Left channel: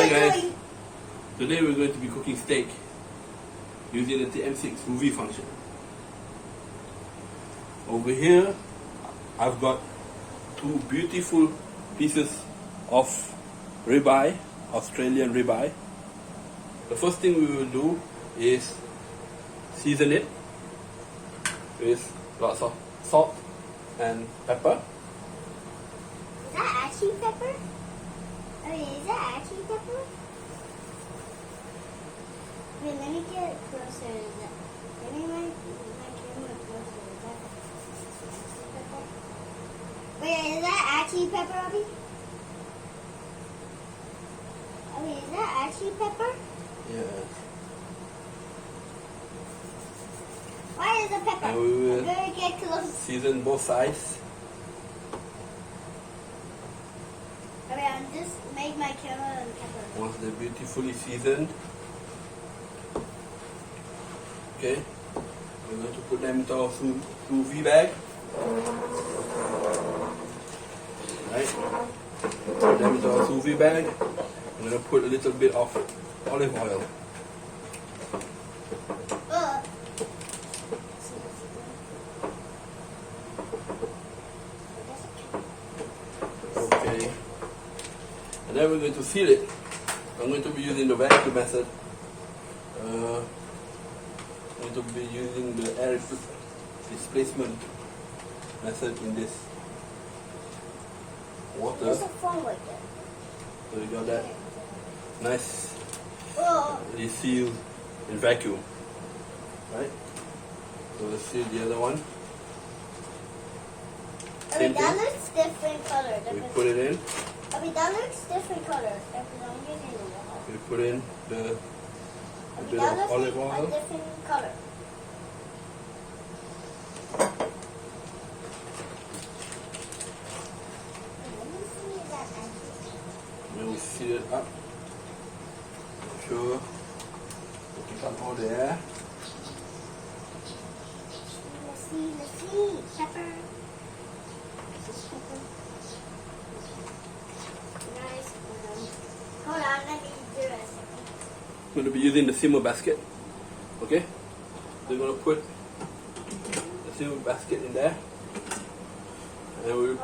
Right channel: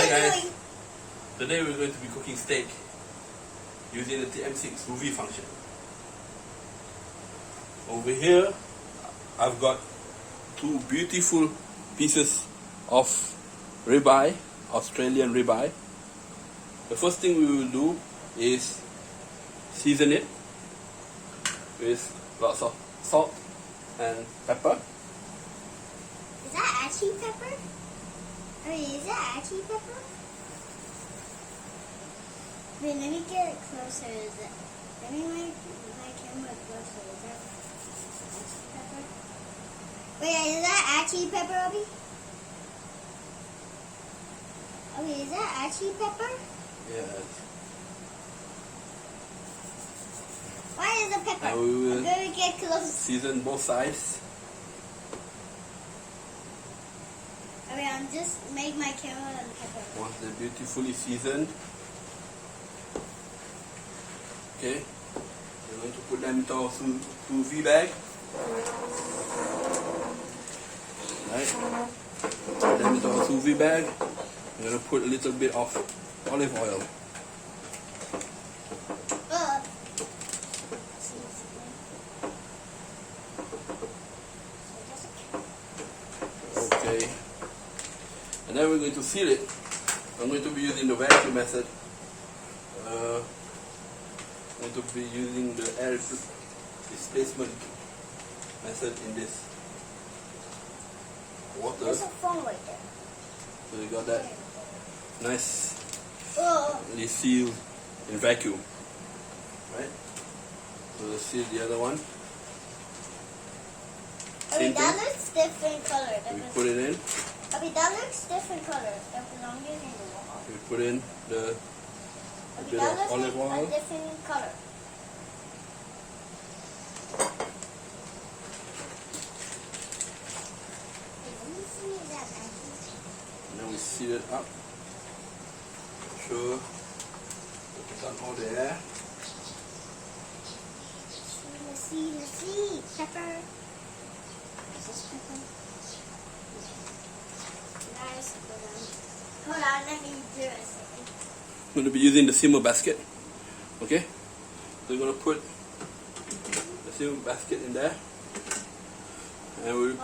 Hi guys, today we're going to be cooking steak using the TM6 Sous Vide function. Over here, I've got two beautiful pieces of ribeye, Australian ribeye. The first thing we will do is season it with lots of salt and pepper. Is that actually pepper? Is that actually pepper? Wait, let me get closer. Let me make my camera closer. Is that pepper? Wait, is that actually pepper, Abby? Is that actually pepper? Yes. Why is it pepper? And we will I'm gonna get close. season both sides. I'm just make my camera and pepper. Once they're beautifully seasoned, okay, we're going to put them into our sous vide bag. Right, put them into our sous vide bag. I'm going to put a little bit of olive oil. Okay, and then we're going to seal it. I'm going to be using the vacuum method. I'm going to be using the air displacement method in this water. There's a phone right there. So you got that nice Oh. sealed in vacuum, right? So let's seal the other one. Same That thing. looks different color. We put it in. That looks different color. That I'm using it now. We put in the bit That of looks olive like oil. a different color. Then we seal it up. Sure. Put some all there. Let's see. Pepper. Is this pepper? Nice. Hold on, let me do it a second. I'm going to be using the simmer basket. Okay? So we're going to put the simmer basket in there. And we'll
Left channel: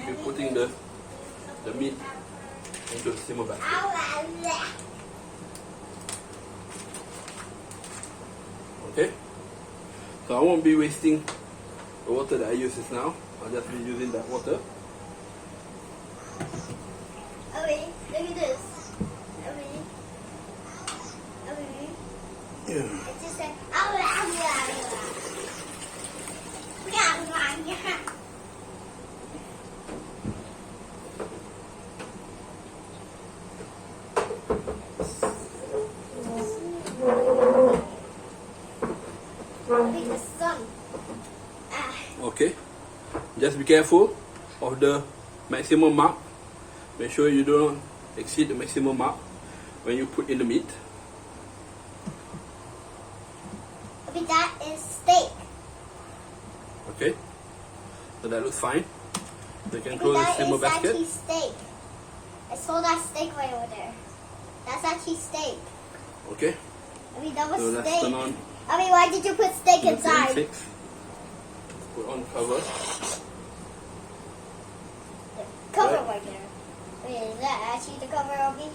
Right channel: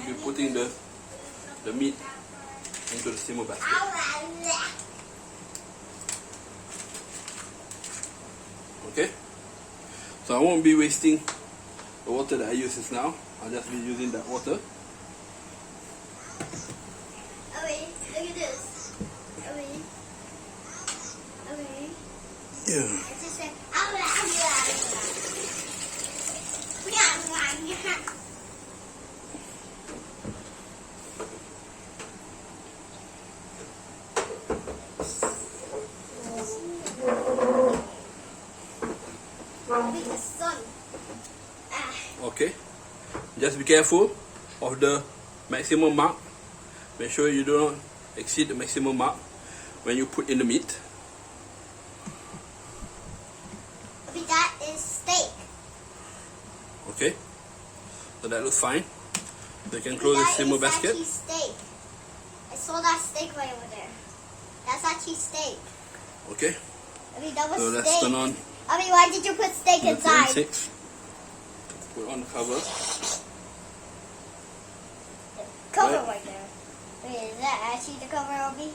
be putting the meat into the simmer basket. Okay? So I won't be wasting the water that I use just now. I'll just be using that water. Oh wait, look at this. Oh wait. Yeah. It's just like the sun. Okay. Just be careful of the maximum mark. Make sure you don't exceed the maximum mark when you put in the meat. That is steak. Okay. So that looks fine. So you can close the simmer basket. Actually steak. I saw that steak right over there. That's actually steak. Okay. That was So let's steak. turn on Why did you put steak the inside? TM6. Put on cover. Cover Right. right there. Is that actually the cover, Obi?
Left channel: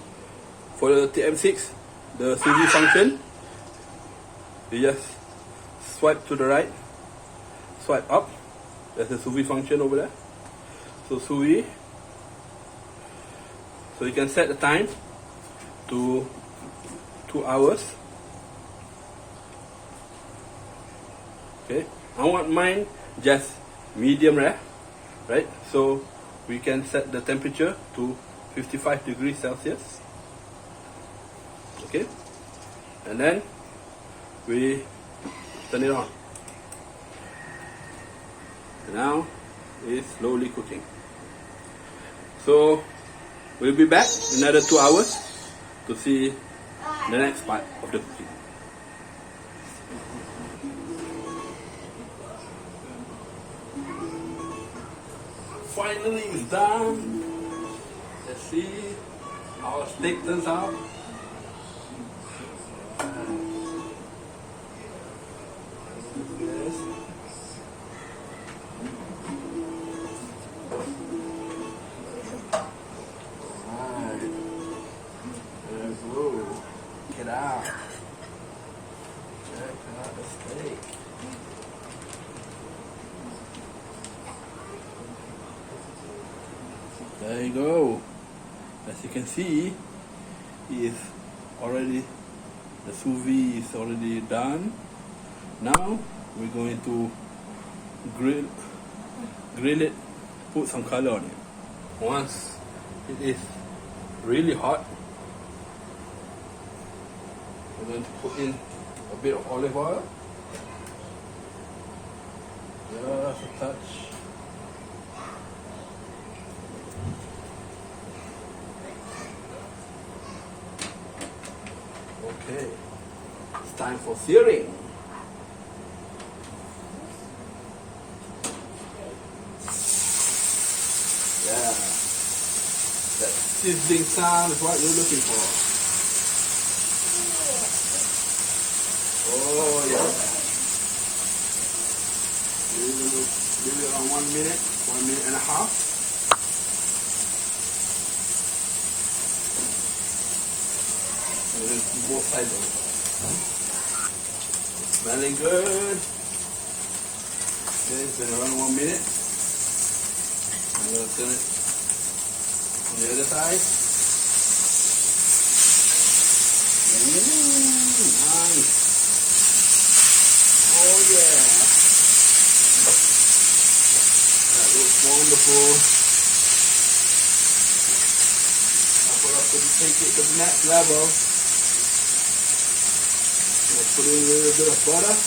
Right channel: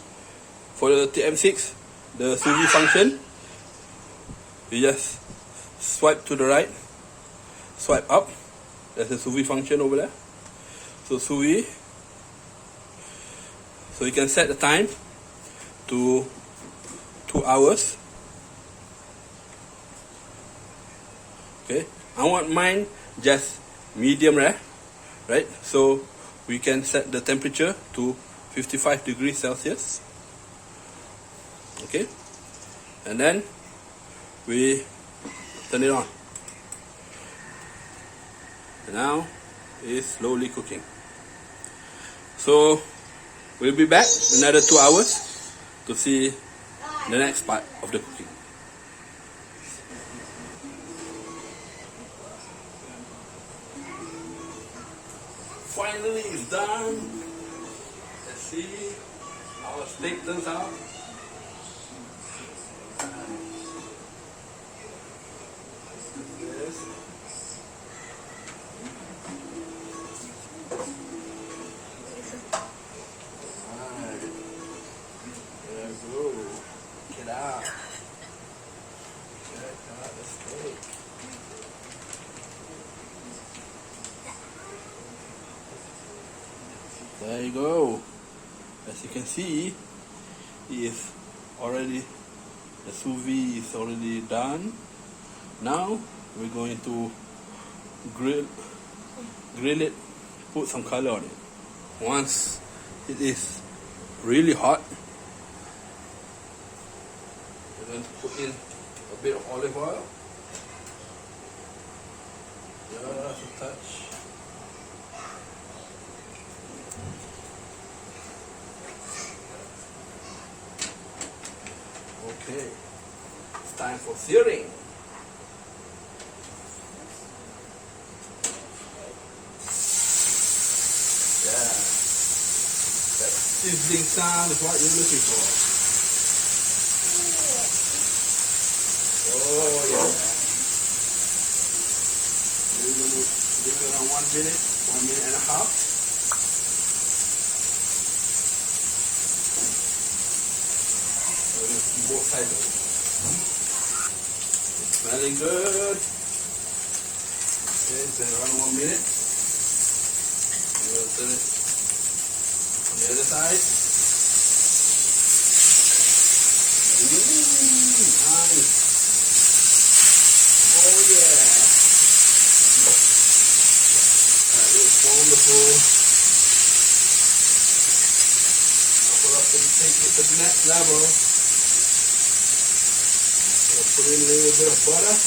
For the TM6, the sous vide function, you just swipe to the right, swipe up. There's a sous vide function over there. So sous vide. So you can set the time to 2 hours. Okay, I want mine just medium rare, right? So we can set the temperature to 55 degrees Celsius. Okay, and then we turn it on. Now it's slowly cooking. So we'll be back in another 2 hours to see the next part of the cooking. Finally it's done. Let's see how our steak turns out. Yes. Alright. There we go. Get out. Check out the steak. There you go. As you can see, is already the sous vide is already done. Now we're going to grill it, put some color on it. Once it is really hot, we're going to put in a bit of olive oil, just a touch. Okay, it's time for searing. Yeah, that sizzling sound is what we're looking for. Oh yeah. We're going to do it around 1 minute, 1 minute and a half. Both sides of it. It's smelling good. Okay, it's been around 1 minute. I'm going to turn it on the other side. Nice. Oh yeah. That looks wonderful. I'll have to take it to the next level. Put in a little bit of butter, and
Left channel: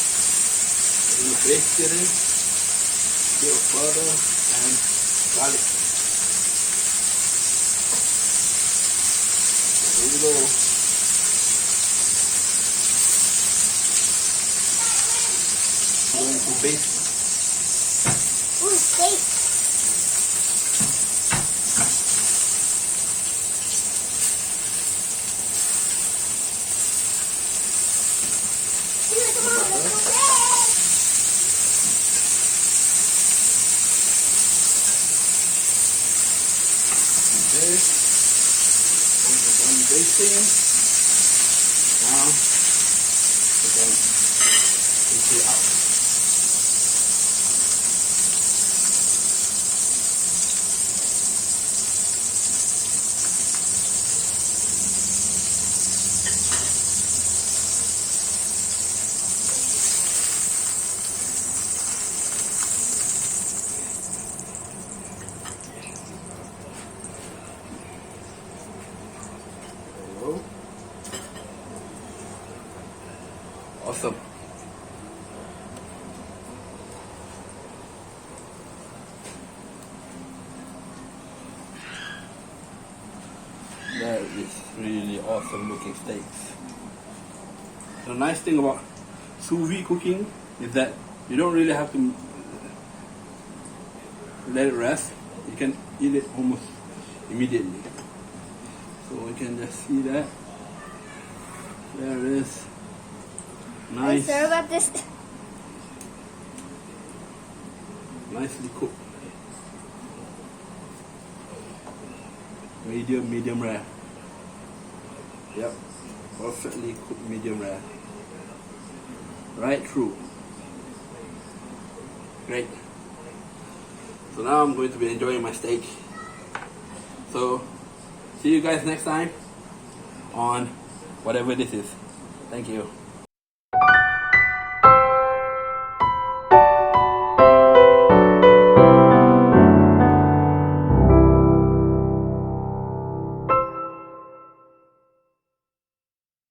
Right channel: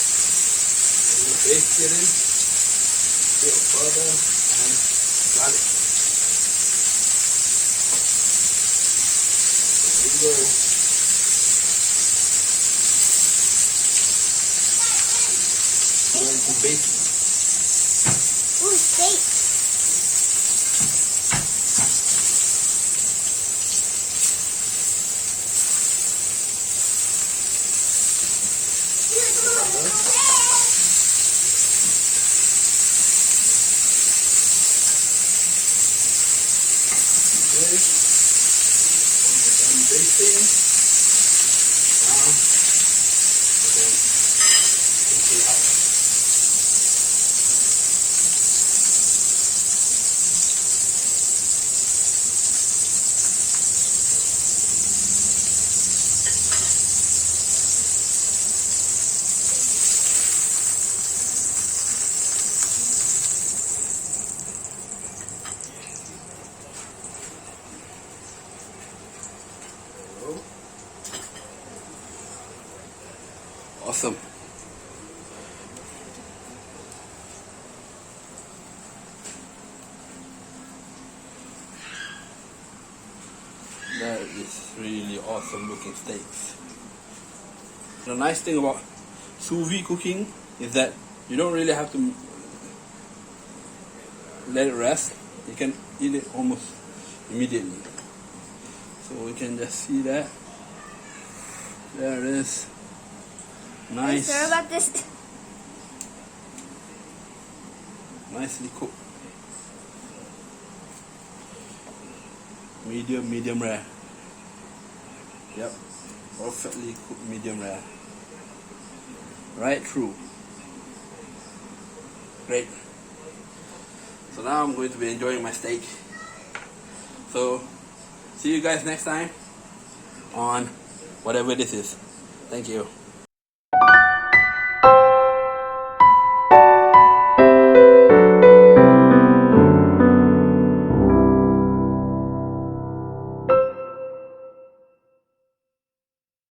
we'll baste it in, a bit of butter and garlic. There you go. Going to baste it. Ooh, steak. Okay, we're done basting. Now we're going to take it out. Awesome. That is really awesome looking steaks. The nice thing about sous vide cooking is that you don't really have to let it rest. You can eat it almost immediately. So we can just see that. There it is. Nice. Sorry about this. Nicely cooked. Medium rare. Yep. Perfectly cooked medium rare. Right through. Great. So now I'm going to be enjoying my steak. So see you guys next time on whatever this is. Thank you.